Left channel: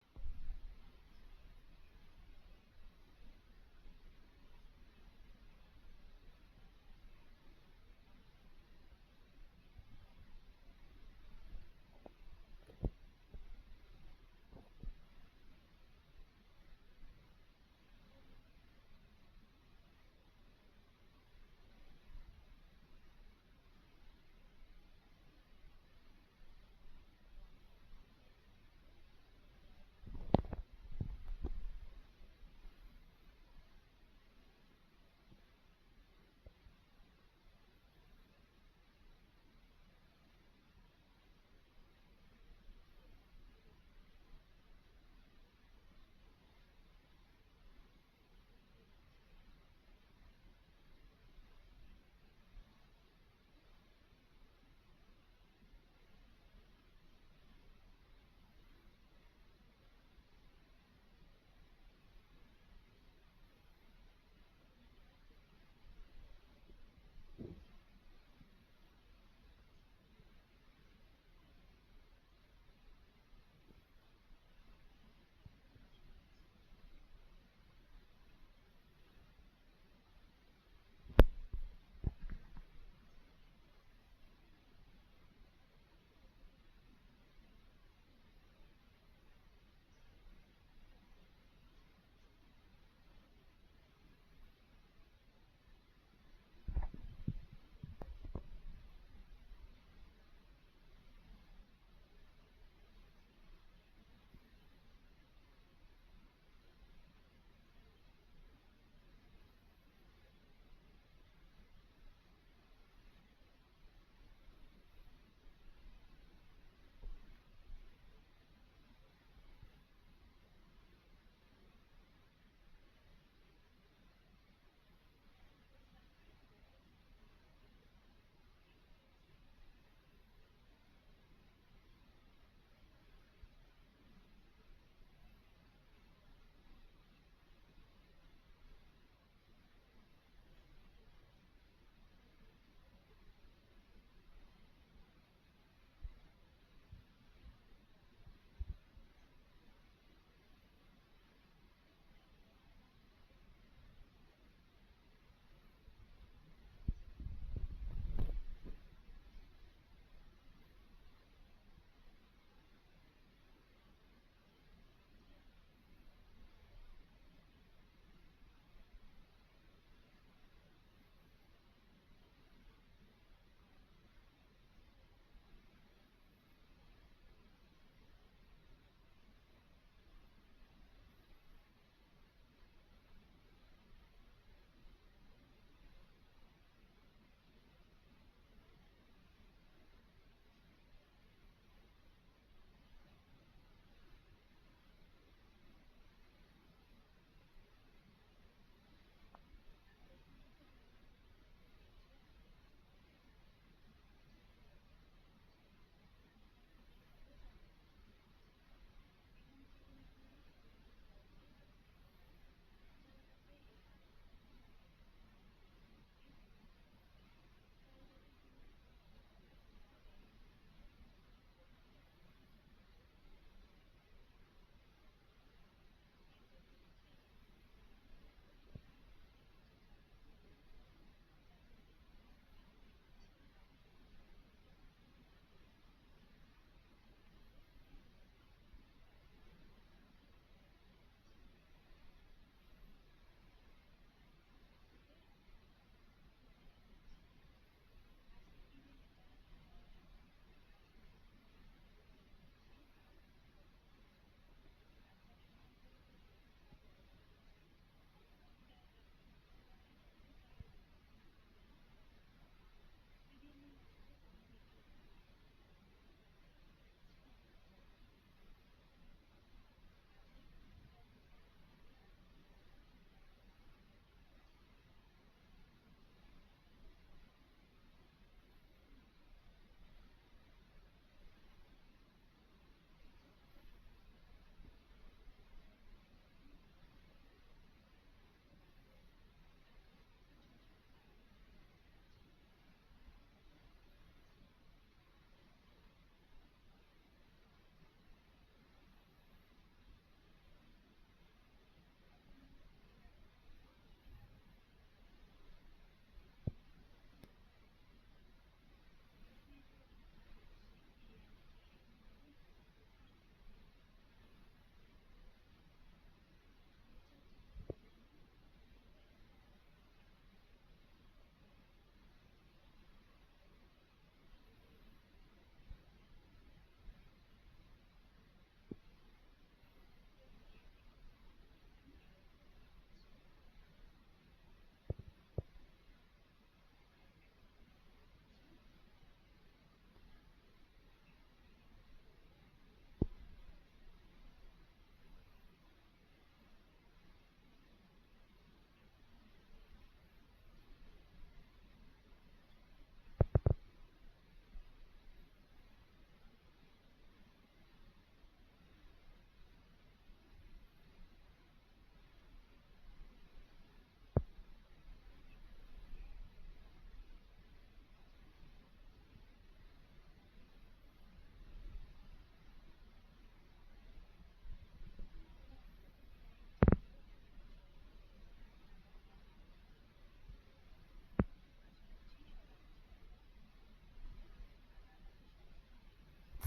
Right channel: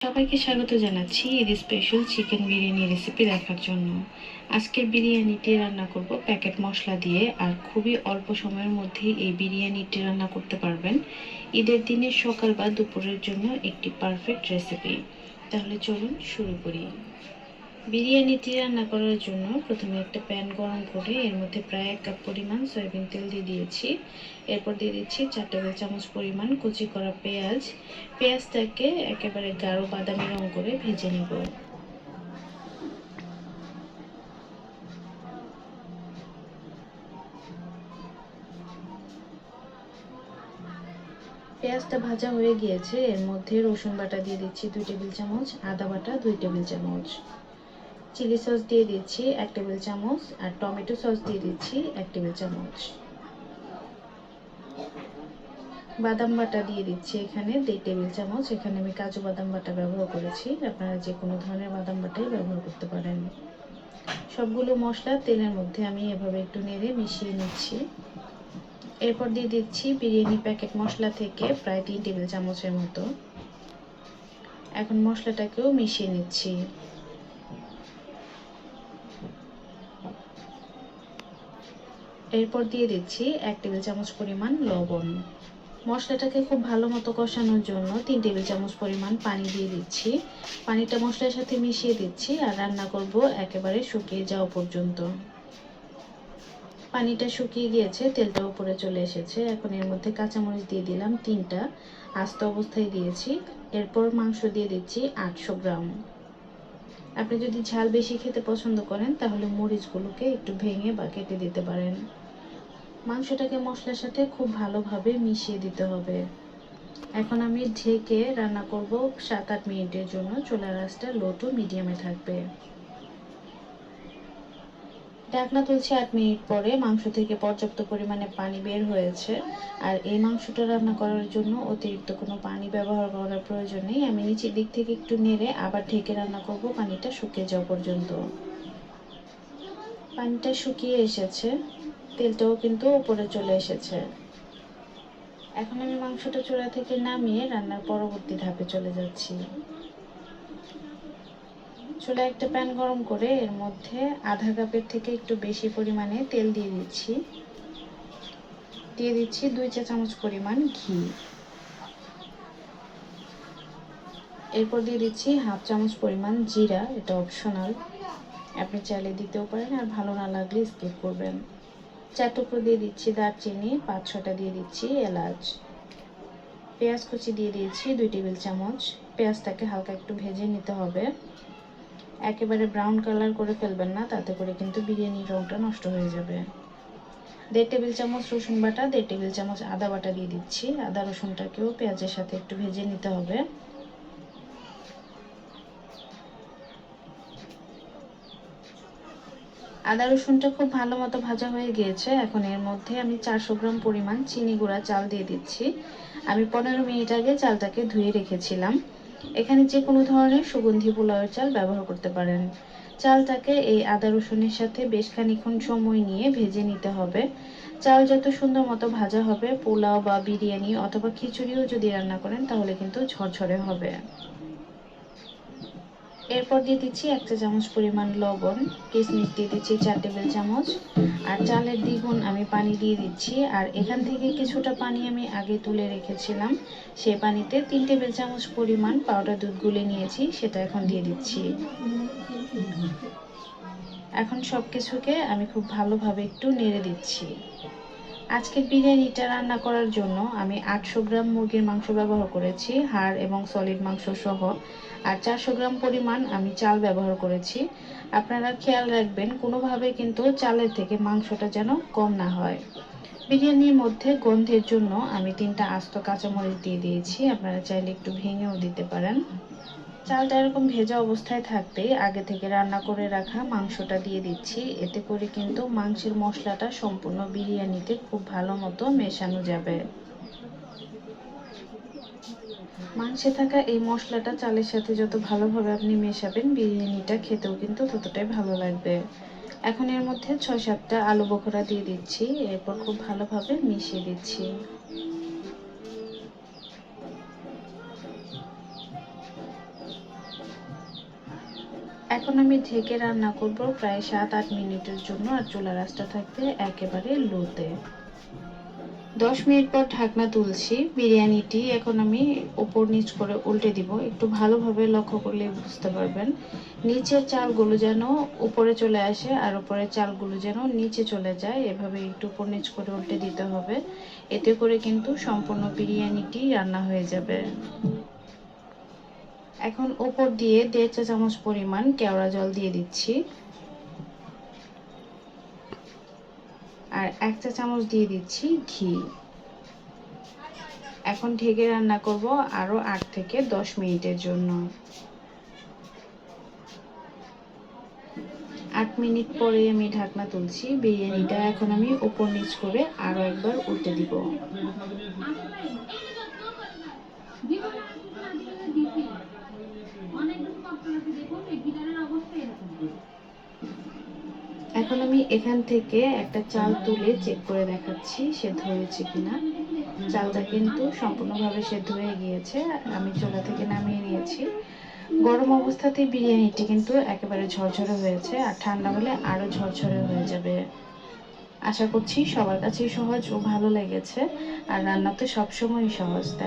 সবাইকে স্বাগত জানাচ্ছি এর স্পেশাল চিকেন বিরিয়ানি রেসিপি দেখার জন্য। আজকের বিরিয়ানিটি রান্না করব প্যাকেট মশলা দিয়ে, আর খুবই অল্প সময়ের মধ্যে এই বিরিয়ানিটি রান্না করতে পারবেন। ঈদের দিনে সকাল বা দুপুরের জন্য একটি পারফেক্ট রেসিপি তাহলে চলুন শুরু করি। বিরিয়ানিটি রান্না করার জন্য প্রথমে একটা প্যান গরম করে এর মধ্যে প্রায় এক কাপ পরিমাণ সয়াবিন তেল দিয়ে দিয়েছি। এরপর দিয়ে দিচ্ছি চার টেবিল চামচ পরিমাণ কুচি করা পেঁয়াজ। পেঁয়াজটাকে একেবারে গাঢ় বাদামি রং করে ভেজে নেব। পেঁয়াজটা ভাজা হয়ে গিয়েছে, এর মধ্যে রসুন বাটা দিয়ে দিচ্ছি দুই টেবিল চামচ, আদা বাটা দুই টেবিল চামচ। চিলি সস দিয়ে দিচ্ছি এক টেবিল চামচ আর টমেটো সস দিয়ে দিচ্ছি এক টেবিল চামচ। বাদাম বাটা দিয়ে দিচ্ছি এখানে দেড় টেবিল চামচ। এখানে আমি কাজু বাদাম বাটা ব্যবহার করেছি। আপনারা যে কোনো ধরনের বাদাম বাটাই ব্যবহার করতে পারেন। সবগুলো মশলা তেলের মধ্যে আমি এভাবে একটু নেড়ে মিশিয়ে নিচ্ছি। এরপর দিয়ে দিচ্ছি বিরিয়ানি প্যাকেট মশলা থেকে প্রায় তিন টেবিল চামচের মতো। এখন মশলাটাকেও মিশিয়ে নিচ্ছি। এরপর দিয়ে দিচ্ছি এক টেবিল চামচ পরিমাণ লবণ। মশলাটাকে খুব ভালো মতো কষানোর জন্য তিন টেবিল চামচ পরিমাণ পানি দিয়ে দিচ্ছি। পানিটা মশলার সাথে মিশিয়ে দিচ্ছি আর রান্না করব একেবারে শুকিয়ে যাওয়া পর্যন্ত। পানিটা শুকিয়ে গিয়েছে, তেলটা উপরে চলে এসেছে। এখন এর মধ্যে কাঁচামরিচ দিয়ে দিলাম তিনটা। আস্ত অবস্থায় দিয়েছি। এরপর মাংস দিয়ে দিচ্ছি আটশো গ্রাম। আপনি যদি ঝাল বেশি খেতে পছন্দ করেন, তাহলে মরিচগুলোকে একটু ভেঙে বা কেটে দিতে পারেন। মাংসটাকে মশলার সাথে খুব ভালোভাবে মিশিয়ে দিতে হবে। এখন আমি ঢেকে রান্না করব সাত আট মিনিটের জন্য। চুলার আঁচটা লো মিডিয়ামে থাকবে। ঢাকনা তুলছি আট মিনিট পরে। মাংস থেকে পর্যাপ্ত পরিমাণে পানি বের হয়েছে। আর এই মাংসটা রান্না করার জন্য অতিরিক্ত কোনো পানি ব্যবহার করার প্রয়োজন নেই। আমি নিচের দিক থেকে একটু নেড়ে আবার ঢেকে রান্না করব। পানিটা শুকিয়ে যাওয়া পর্যন্ত। পানিটা শুকিয়ে এসেছে। তেলটাও কিন্তু উপরে চলে এসেছে। এখন আমি মাংসটা চূড়া থেকে নামিয়ে রান্নার পরবর্তী ধাপে চলে যাচ্ছি। চুলা একটা প্যান গরম করে এর মধ্যে আধা কাপের থেকে একটু বেশি পরিমাণে তেল দিয়ে দিচ্ছি। দিয়ে দিচ্ছি দুই চা চামচ পরিমাণ ঘি। এরপর দিয়ে দিচ্ছি হাফ চামচ পরিমাণ জিরা, এটা অপশনাল আপনি চাইলে দিতেও পারেন আর ভালো না লাগলে স্কিপ করবেন। চার টুকরো দিয়ে দিচ্ছি দারচিনি, পাঁচ ছটা দিয়ে দিচ্ছি এলাচ। পেঁয়াজ কুচি দিয়ে দিয়েছি দুই টেবিল চামচ। পেঁয়াজটাকে হালকা একটু ভেজে নিতে হবে। একেবারে ব্রাউন কালার করে ফেলবেন না, তাতে করে কিন্তু বিরিয়ানির রংটা নষ্ট হয়ে যাবে। দেড় টেবিল চামচ রসুন বাটা, দেড় টেবিল চামচ আদা বাটা দিয়ে দিচ্ছি। আদা রসুনটাকেও পেঁয়াজের সাথে একটু ভেজে নিতে হবে। আদা রসুনটা খুব ভালো মতো ভাজা হয়ে গিয়েছে। এখন এর মধ্যে আমি চারশো গ্রাম পরিমাণ চিনি গুঁড়া চাল দিয়ে দিচ্ছি। আমি পনেরো মিনিট আগে চালটাকে ধুয়ে রেখেছিলাম। এখানে যে কোনো ধরনের সুগন্ধি পোলাওয়ের চাল ব্যবহার করতে পারেন। চালটাকে এই আদা রসুনের সাথে বেশ খানিক্ষণ সময় নিয়ে ভেজে নিতে হবে। চাল যত সুন্দর মতো ভাজা হবে, পোলাও বা বিরিয়ানি অথবা খিচুড়িও যদি রান্না করেন, তাহলে কিন্তু ঝরঝরে হবে। এরপর দিয়ে দিচ্ছি এক চা চামচ পরিমাণ লবণ কিশমিশ দিয়ে দিচ্ছি চার টেবিল চামচ, আর চালের দ্বিগুণ আমি পানি দিয়ে দিচ্ছি। আর এখান থেকে কিছুটা পানি আমি আগে তুলে রেখেছিলাম, সেই পানিতে তিন টেবিল চামচ পরিমাণ পাউডার দুধ গুলে নিয়েছি, সেটা এখন দিয়ে দিচ্ছি। এখন সব কিছুকে আমি খুব ভালোভাবে একটু নেড়ে দিচ্ছি। আজকের বিরিয়ানিটা রান্না করার জন্য আমি আটশো গ্রাম মুরগির মাংস ব্যবহার করেছি, হাড় এবং সলিড মাংস সহ। আর চারশো গ্রাম পরিমাণ আমি চাল ব্যবহার করেছি। আপনারা খেয়াল রাখবেন, কোনোভাবে কিন্তু চালের থেকে মাংসটা যেন কম না হয়। বিরিয়ানির মধ্যে গন্ধের জন্য আমি তিনটা আস্ত কাঁচামরিচ দিয়ে দিয়েছি, আপনারা চাইলে একটু ভেঙেও দিতে পারেন। চালটা এরকম ভেজা অবস্থায় থাকতে আগে থেকে রান্না করে রাখা মাংসটা দিয়ে দিচ্ছি। এতে করে কিন্তু মাংসের মশলাটা সম্পূর্ণ বিরিয়ানিতে খুব ভালো মতো মেশানো যাবে। মাংসে থাকা এই মশলাটা চালের সাথে যত ভালোভাবে আপনি মেশাবেন বিরিয়ানিটা খেতেও কিন্তু ততটাই ভালো লাগবে। এখন এর মধ্যে ছয় সাতটা আলু বখরা দিয়ে দিচ্ছি। এরপর খুব ভালোভাবে মিশিয়ে দিচ্ছি। এখন আমি ঢেকে রান্না করব প্রায় সাত আট মিনিটের জন্য আর চুলা রাসটা থাকবে একেবারে লোতে। দশ মিনিট পর ঢাকনা তুলছি, বিরিয়ানিটি এখন আমি উপর নিচ করে উল্টে দিব। একটু ভালোভাবে লক্ষ্য করলে বুঝতে পারবেন, নিচের চালগুলো যেন উপরে চলে আসে আর উপরের চালগুলো যেন নিচে চলে যায়, এভাবে একটু উপর নিচ করে উল্টে দিতে হবে। এতে করে কিন্তু সম্পূর্ণ বিরিয়ানিটি রান্না হয়ে যাবে। এখন উপর দিয়ে দেড় চা চামচ পরিমাণ কেওড়া জল দিয়ে দিচ্ছি। আর এক চা চামচ দিয়ে দিচ্ছি ঘি। এখন ঢেকে রান্না করব আরও আট থেকে দশ মিনিটের জন্য। আট মিনিট পরে আমি ঢাকনা তুলছি, বিরিয়ানিটা এখন আমি উপর নিচ করে আরও একবার উল্টে দিব। এখন আমি এখান থেকে একটা চাল তুলে চেক করে দেখাচ্ছি সেদ্ধ হয়েছে কিনা। চালটা কিন্তু সম্পূর্ণভাবে সেদ্ধ হয়ে গিয়েছে, আমি চুলা থেকে নামিয়ে নিয়েছি। গরম অবস্থাতেই বিরিয়ানিটি কিন্তু একেবারে ঝরঝরে হয়েছে, আর ঠান্ডা হলে আরও ঝরঝরে হয়ে যাবে। আশা করছি সবার কাছেই সহজ ও ভালো লেগেছে, আর রান্না তো সবসময়ই সহজ